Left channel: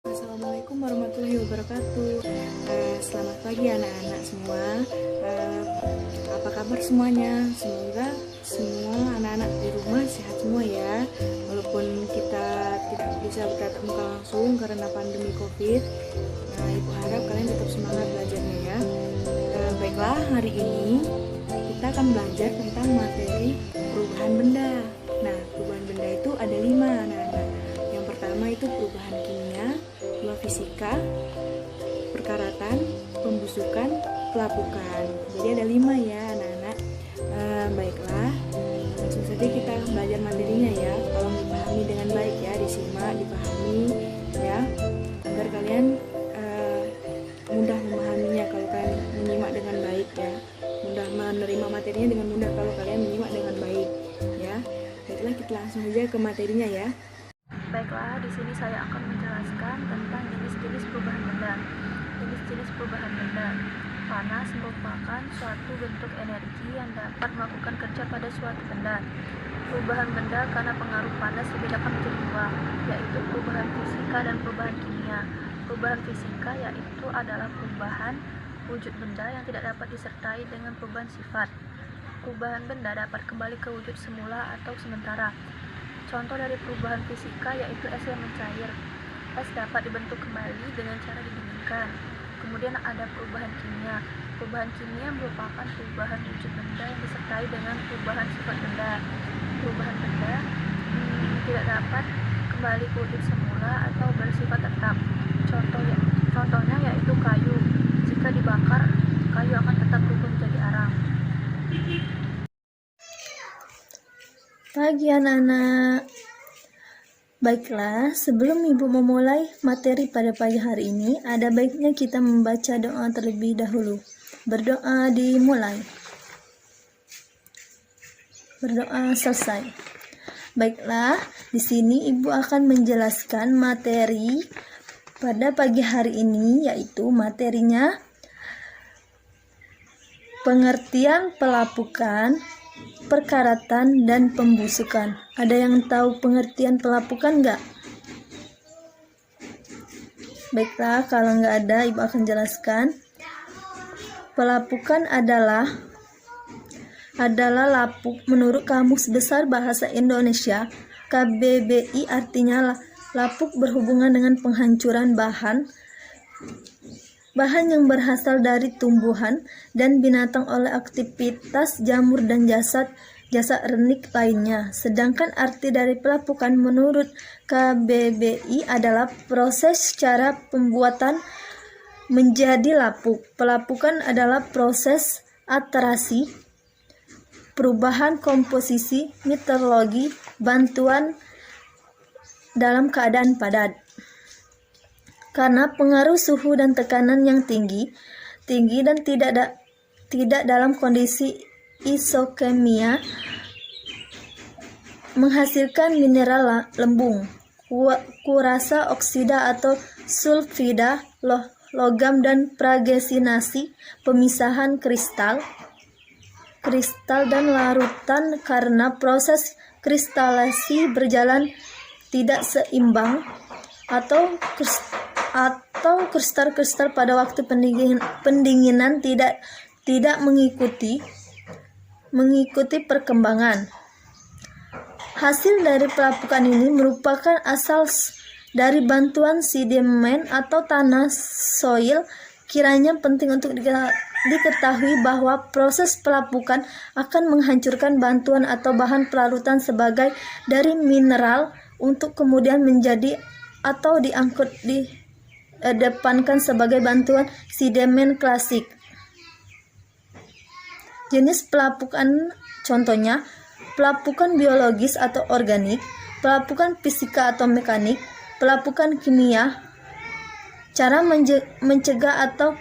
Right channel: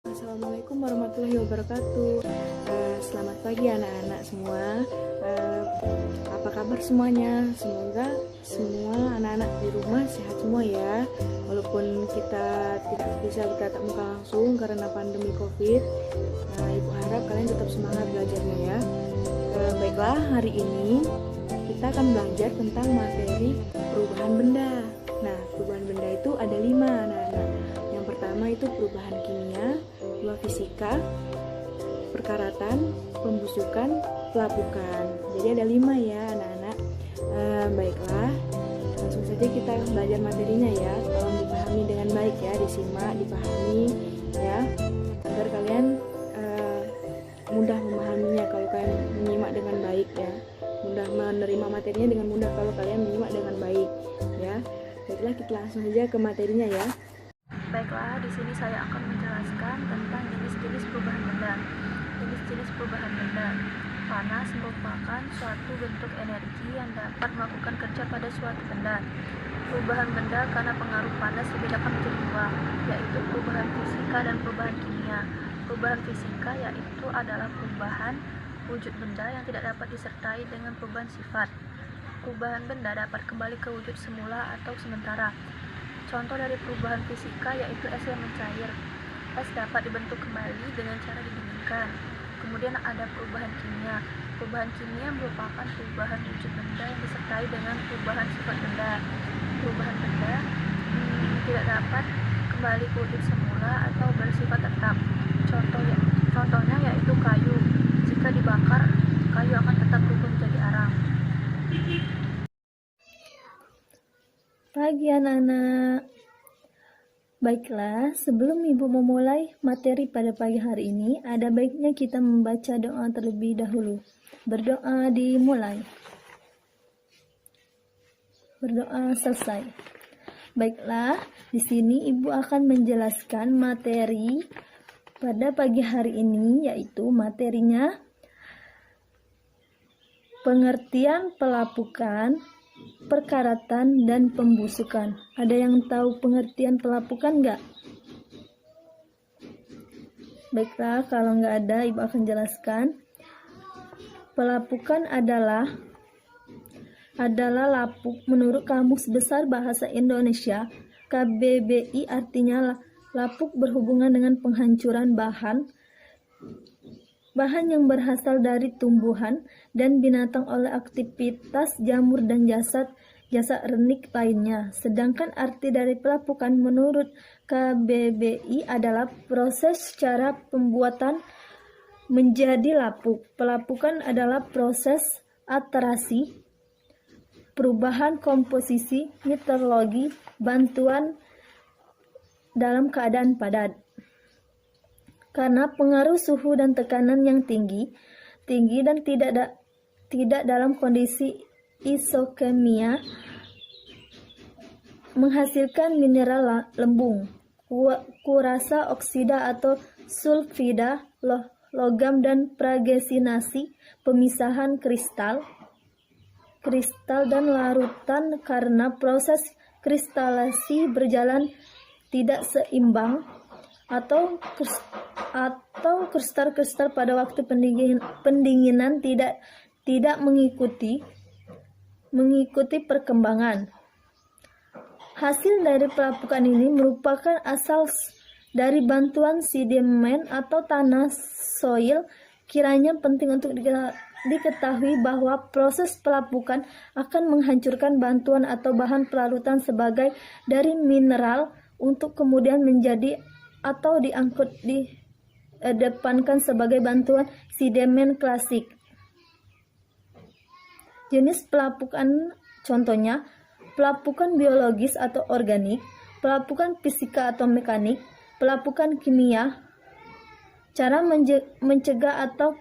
Assalamualaikum warahmatullahi wabarakatuh. Selamat pagi anak-anak semua. Apa kabar semuanya? Semoga semua anak-anak di rumah sehat semua ya. Walaupun kita tidak bisa bertatap muka langsung karena pandemi COVID, Ibu harap kalian tetap semangat belajarnya ya. Baiklah, hari ini kita akan belajar tentang materi perubahan benda. Nah, perubahan benda itu ada 5 anak-anak. Yang pertama itu perubahan kimia, 2 fisika, perkaratan, pembusukan, pelapukan. Jadi ada 5 ya anak-anak. Baiklah, langsung saja kita belajar materinya ya. Tolong dipahami dengan baik ya, disimak, dipahami ya, agar kalian mudah memahaminya kalau kalian menyimak dengan baik ya. Mudah menerima materinya dengan mudah kalau kalian menyimak dengan baik ya. Baiklah, kita langsung saja ke materinya ya. Baiklah, di sini saya akan menjelaskan tentang jenis-jenis perubahan benda. Jenis-jenis perubahan benda. Panas merupakan suatu bentuk energi yang dapat melakukan kerja pada suatu benda. Perubahan benda karena pengaruh panas dibedakan menjadi 2, yaitu perubahan fisika dan perubahan kimia. Perubahan fisika yaitu adalah perubahan wujud benda yang tidak dapat disertai dengan perubahan sifat. Perubahan benda dapat kembali ke wujud semula atau sementara. Contoh dari perubahan fisika yaitu es yang mencair. Es dapat dibentuk kembali dengan cara didinginkan. Kemudian ada perubahan kimia. Perubahan kimia merupakan perubahan wujud benda yang disertai dengan perubahan sifat benda. Perubahan benda tidak dapat kembali ke wujud semula atau bersifat tetap. Contohnya yaitu kayu. Jika dibakar, kayu akan tetap berubah menjadi arang. Pagi anak-anak. Baiklah, sebelum Ibu memulai materi pada pagi hari ini, ada baiknya kita membaca doa terlebih dahulu. Berdoa dimulai. Berdoa selesai. Baiklah, di sini Ibu akan menjelaskan materi pada pagi hari ini, yaitu materinya pengertian pelapukan, perkaratan, dan pembusukan. Ada yang tahu pengertian pelapukan nggak? Baiklah, kalau nggak ada, Ibu akan jelaskan. Pelapukan adalah lapuk menurut Kamus Besar Bahasa Indonesia. KBBI artinya lapuk berhubungan dengan penghancuran bahan yang berasal dari tumbuhan dan binatang oleh aktivitas jamur dan jasad renik lainnya. Sedangkan arti dari pelapukan menurut KBBI adalah proses cara pembuatan menjadi lapuk. Pelapukan adalah proses atrasi, perubahan komposisi, meteorologi, bantuan dalam keadaan padat. Karena pengaruh suhu dan tekanan yang tinggi dan tidak dalam kondisi isokimia menghasilkan mineral lembung, kurasa, oksida atau sulfida, logam, dan pragesinasi, pemisahan kristal dan larutan karena proses kristalasi berjalan tidak seimbang atau kristal pada waktu pendinginan tidak mengikuti perkembangan. Hasil dari pelapukan ini merupakan asal dari bantuan sedimen atau tanah soil. Kiranya penting untuk diketahui bahwa proses pelapukan akan menghancurkan bantuan atau bahan pelarutan sebagai dari mineral untuk kemudian menjadi atau didepankan sebagai bantuan sedimen klasik. Jenis pelapukan contohnya pelapukan biologis atau organik, pelapukan fisika atau mekanik, pelapukan kimia. Cara mencegah atau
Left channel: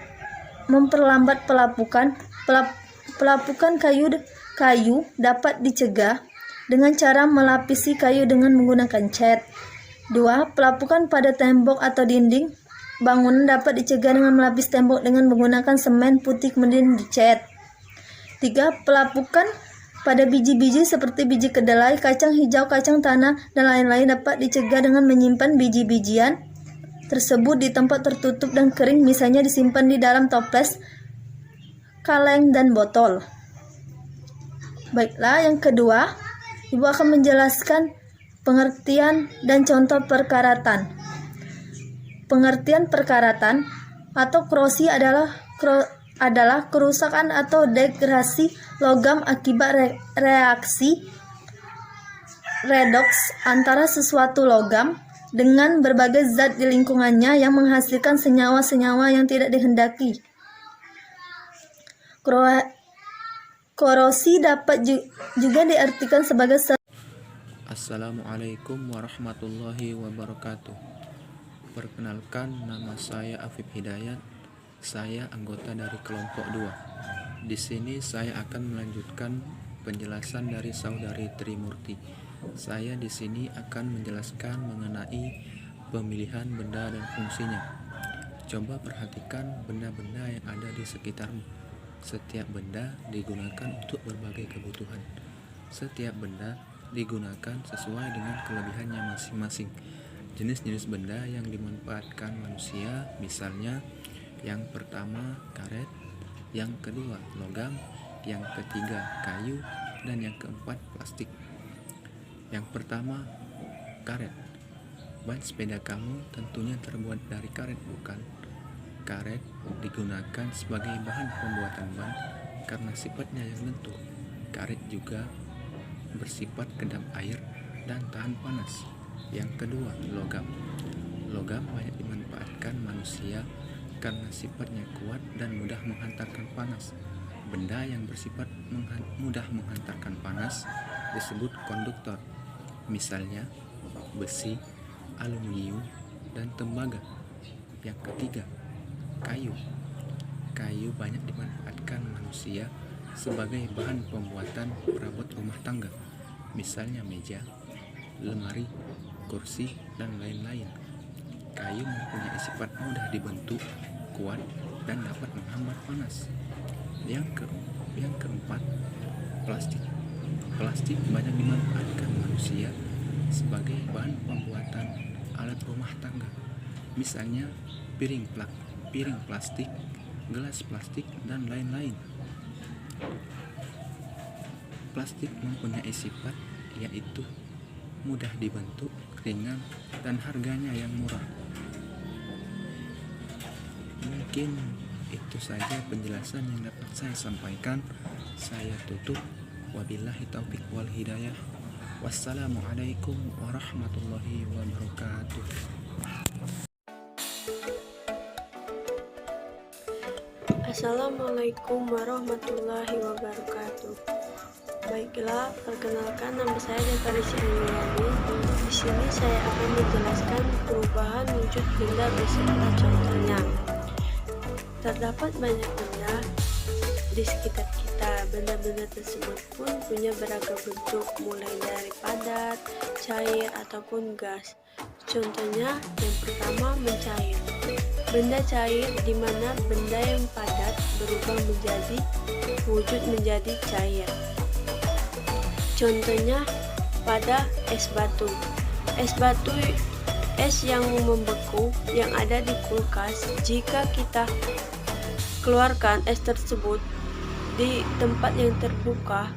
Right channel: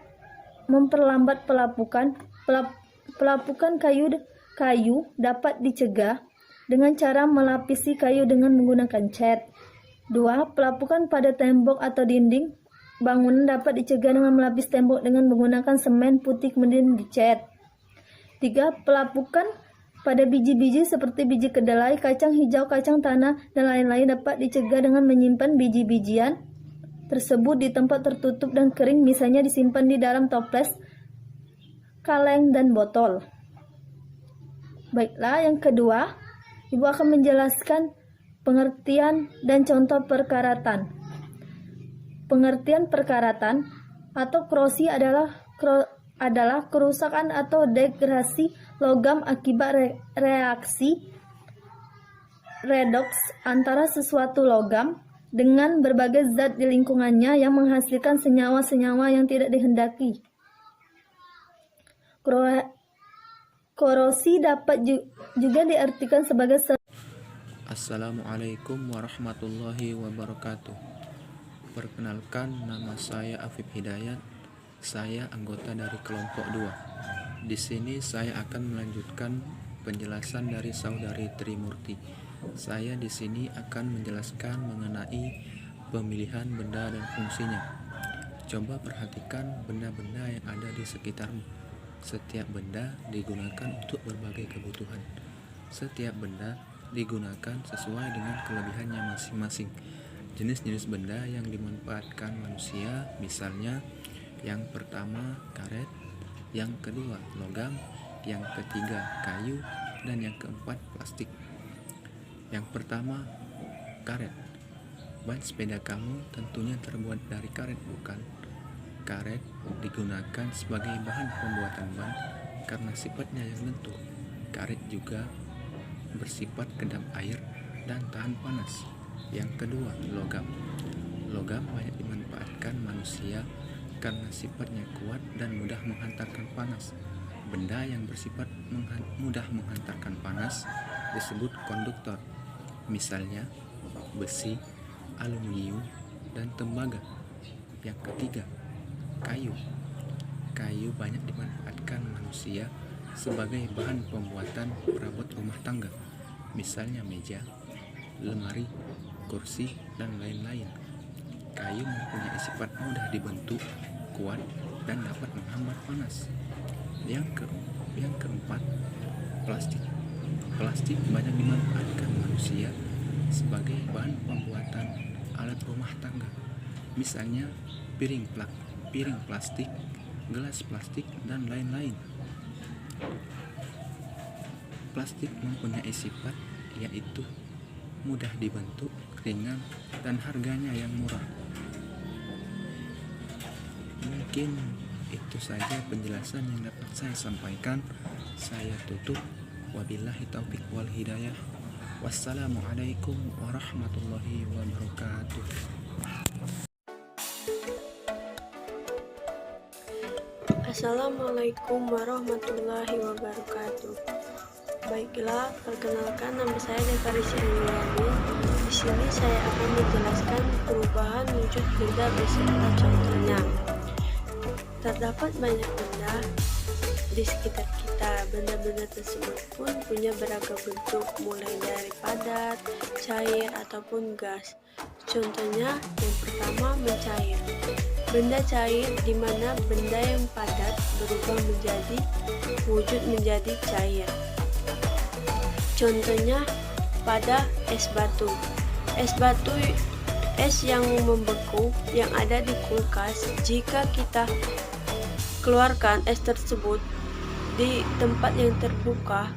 memperlambat pelapukan kayu dapat dicegah dengan cara melapisi kayu dengan menggunakan cat. 2. Pelapukan pada tembok atau dinding bangunan dapat dicegah dengan melapis tembok dengan menggunakan semen putih kemudian dicat. 3. Pelapukan pada biji-biji seperti biji kedelai, kacang hijau, kacang tanah, dan lain-lain dapat dicegah dengan menyimpan biji-bijian tersebut di tempat tertutup dan kering, misalnya disimpan di dalam toples, kaleng, dan botol. Baiklah, yang kedua, Ibu akan menjelaskan pengertian dan contoh perkaratan. Pengertian perkaratan atau korosi adalah kerusakan atau degradasi logam akibat reaksi redoks antara sesuatu logam dengan berbagai zat di lingkungannya yang menghasilkan senyawa-senyawa yang tidak dihendaki. Korosi dapat juga diartikan sebagai Assalamualaikum warahmatullahi wabarakatuh. Perkenalkan, nama saya Afif Hidayat. Saya anggota dari kelompok 2. Di sini saya akan melanjutkan penjelasan dari saudari Trimurti. Saya di sini akan menjelaskan mengenai pemilihan benda dan fungsinya. Coba perhatikan benda-benda yang ada di sekitarmu. Setiap benda digunakan untuk berbagai kebutuhan. Setiap benda digunakan sesuai dengan kelebihannya masing-masing. Jenis-jenis benda yang dimanfaatkan manusia, misalnya yang pertama karet, yang kedua logam, yang ketiga kayu, dan yang keempat plastik. Yang pertama, karet. Ban sepeda kamu tentunya terbuat dari karet, bukan? Karet digunakan sebagai bahan pembuatan ban karena sifatnya yang lentur. Karet juga bersifat kedap air dan tahan panas. Yang kedua, logam. Logam banyak dimanfaatkan manusia karena sifatnya kuat dan mudah menghantarkan panas. Benda yang bersifat mudah menghantarkan panas disebut konduktor. Misalnya besi, aluminium, dan tembaga. Yang ketiga, kayu. Kayu banyak dimanfaatkan manusia sebagai bahan pembuatan perabot rumah tangga, misalnya meja, lemari, kursi, dan lain-lain. Kayu mempunyai sifat mudah dibentuk, kuat, dan dapat menghambat panas. Yang keempat, plastik. Plastik banyak dimanfaatkan manusia sebagai bahan pembuatan alat rumah tangga, misalnya piring plastik, gelas plastik, dan lain-lain. Plastik mempunyai sifat yaitu mudah dibentuk, ringan, dan harganya yang murah. Mungkin itu saja penjelasan yang dapat saya sampaikan. Saya tutup. Wabillahi taufiq wal hidayah. Wassalamualaikum warahmatullahi wabarakatuh. Assalamualaikum warahmatullahi wabarakatuh. Baiklah, perkenalkan, nama saya Dekarisi Anggiani. Di sini saya akan menjelaskan perubahan wujud benda beserta contohnya. Terdapat banyak benda di sekitar kita. Benda-benda tersebut pun punya beragam bentuk, mulai dari padat, cair, ataupun gas. Contohnya, yang pertama, mencair. Benda cair di mana benda yang padat berubah menjadi wujud menjadi cair. Contohnya pada es batu. Es yang membeku yang ada di kulkas, jika kita keluarkan es tersebut di tempat yang terbuka,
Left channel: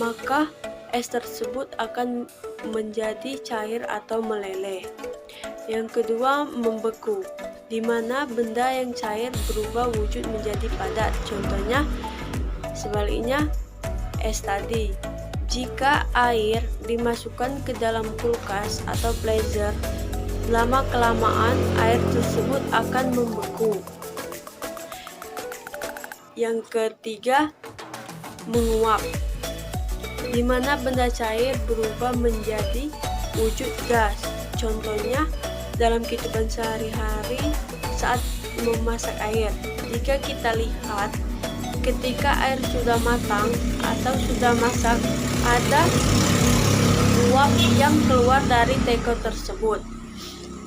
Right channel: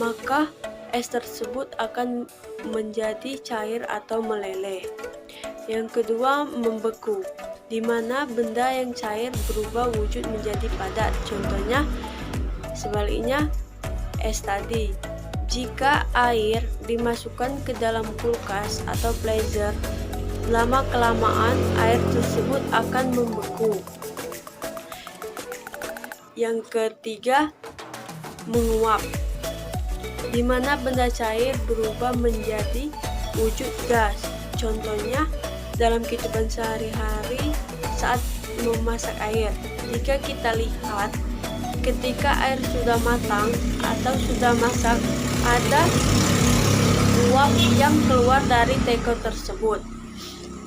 maka es tersebut akan menjadi cair atau meleleh. Yang kedua, membeku, di mana benda yang cair berubah wujud menjadi padat. Contohnya sebaliknya es tadi. Jika air dimasukkan ke dalam kulkas atau freezer, lama-kelamaan air tersebut akan membeku. Yang ketiga, menguap, di mana benda cair berubah menjadi wujud gas. Contohnya dalam kehidupan sehari-hari saat memasak air. Jika kita lihat, ketika air sudah matang atau sudah masak, ada uap yang keluar dari teko tersebut.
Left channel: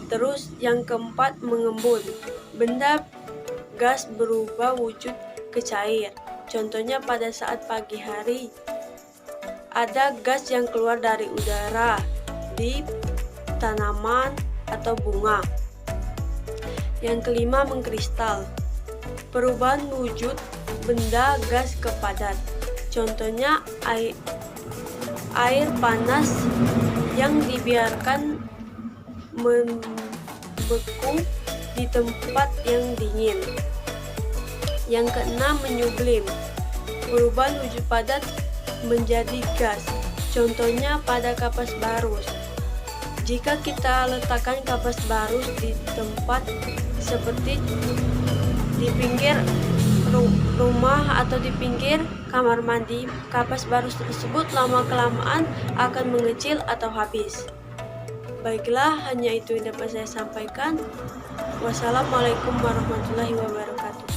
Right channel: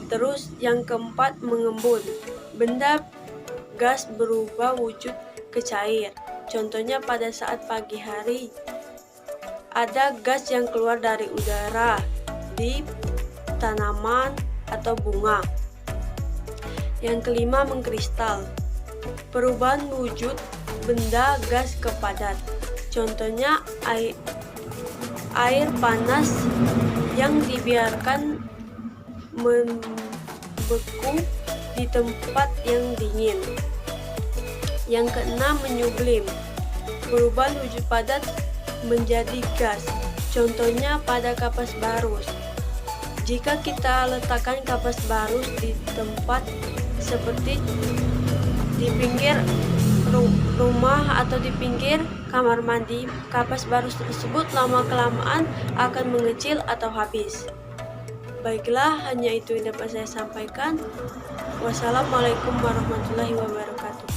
Terus yang keempat, mengembun. Benda gas berubah wujud ke cair. Contohnya pada saat pagi hari, ada gas yang keluar dari udara di tanaman atau bunga. Yang kelima, mengkristal. Perubahan wujud benda gas ke padat. Contohnya air panas yang dibiarkan membeku di tempat yang dingin. Yang keenam, menyublim. Perubahan wujud padat menjadi gas. Contohnya pada kapas barus. Jika kita letakkan kapas barus di tempat seperti di pinggir rumah atau di pinggir kamar mandi, kapas barus tersebut lama-kelamaan akan mengecil atau habis. Baiklah, hanya itu yang dapat saya sampaikan. Wassalamualaikum warahmatullahi wabarakatuh.